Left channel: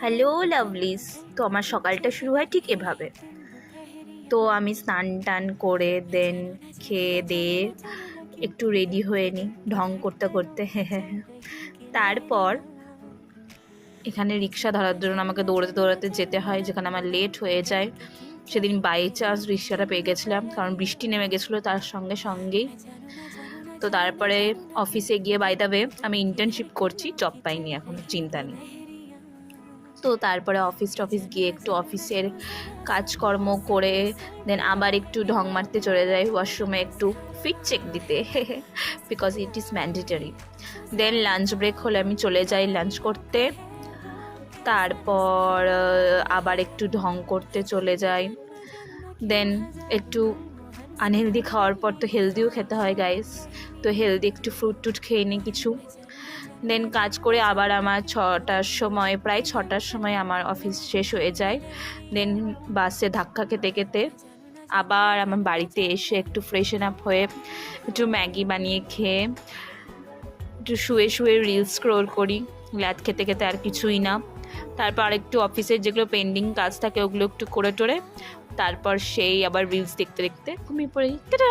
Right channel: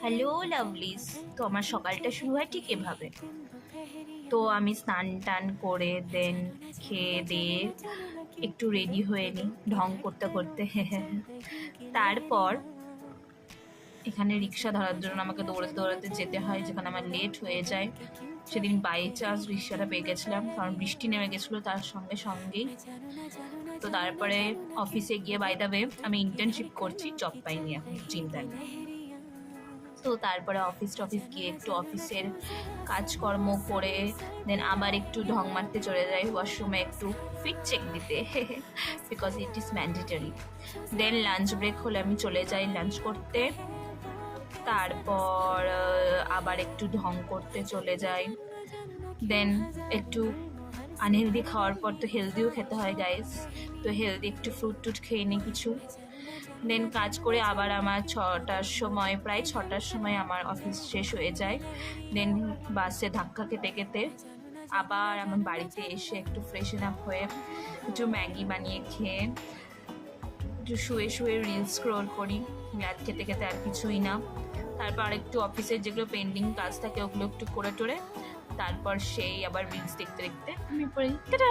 Hello লাভলিস। তো আমার সকালটা শুরু হয় ঠিক এভাবে। তো আমি স্নান টান করে দেন খেয়ে দিয়ে একটু রেডি হয়ে নিই ঢং করতে করতে। তারপর এখানে রিক্সা ধরার জন্য আমাকে দৌড়াতে দৌড়াতে যেতে হয়, যেখানে আমার লেট হয়ে যায়। সেদিন বাই চান্স রিক্সাটা পেয়ে গেছিলাম, কারণ বৃষ্টি নেমে গেছিলো তার সঙ্গে সঙ্গেই। তো তারপরে অফিসে গিয়ে, বাই দ্য ওয়ে আমি ইন্টার্নশিপ করছি, জব পাইনি এখন, চিন্তা নেই। তো তারপরে অফিস টফিস গিয়ে একটু অফিসের কাজকর্ম করে দেন আবার একটু ঢং মারতে চলে যাই ওয়াশরুমে একটু ফিট চেক দিতে, because it is mandatory. Then lunch break হলে আমি চলে যাই লাঞ্চ করতে। তারপর আবার একটু ঢং করতে চলে যাই। দেন একটু আনহেলদি খাওয়ার পর তো হেলদিও খেতে হয় গাইস, তো হেলদি একটু ফ্রুট টুট খেয়ে নিই কিছু। দেন কাজ করে আবার আমার প্রায় ছটার সময় আমার অফিস শেষ হয়ে যায়। দেন বাসে ধাক্কা খেতে খেতে আবার আমার বাড়িতে এসে একটু ফ্রেশন আপ হয়ে একটু ম্যাগি বানিয়ে খেয়ে একটু শুয়ে শুয়ে রিলস স্ক্রোল করি, ল্যাদ খেতে খেতে, আর কিছুই না। তারপর একটু অফিসের যেগুলো পেন্ডিং কাজ থাকে ওগুলো একটু করে টোরে তারপর সেই আবার রিলস দেখতে দেখতে ঘুমিয়ে পড়ি। টাটা।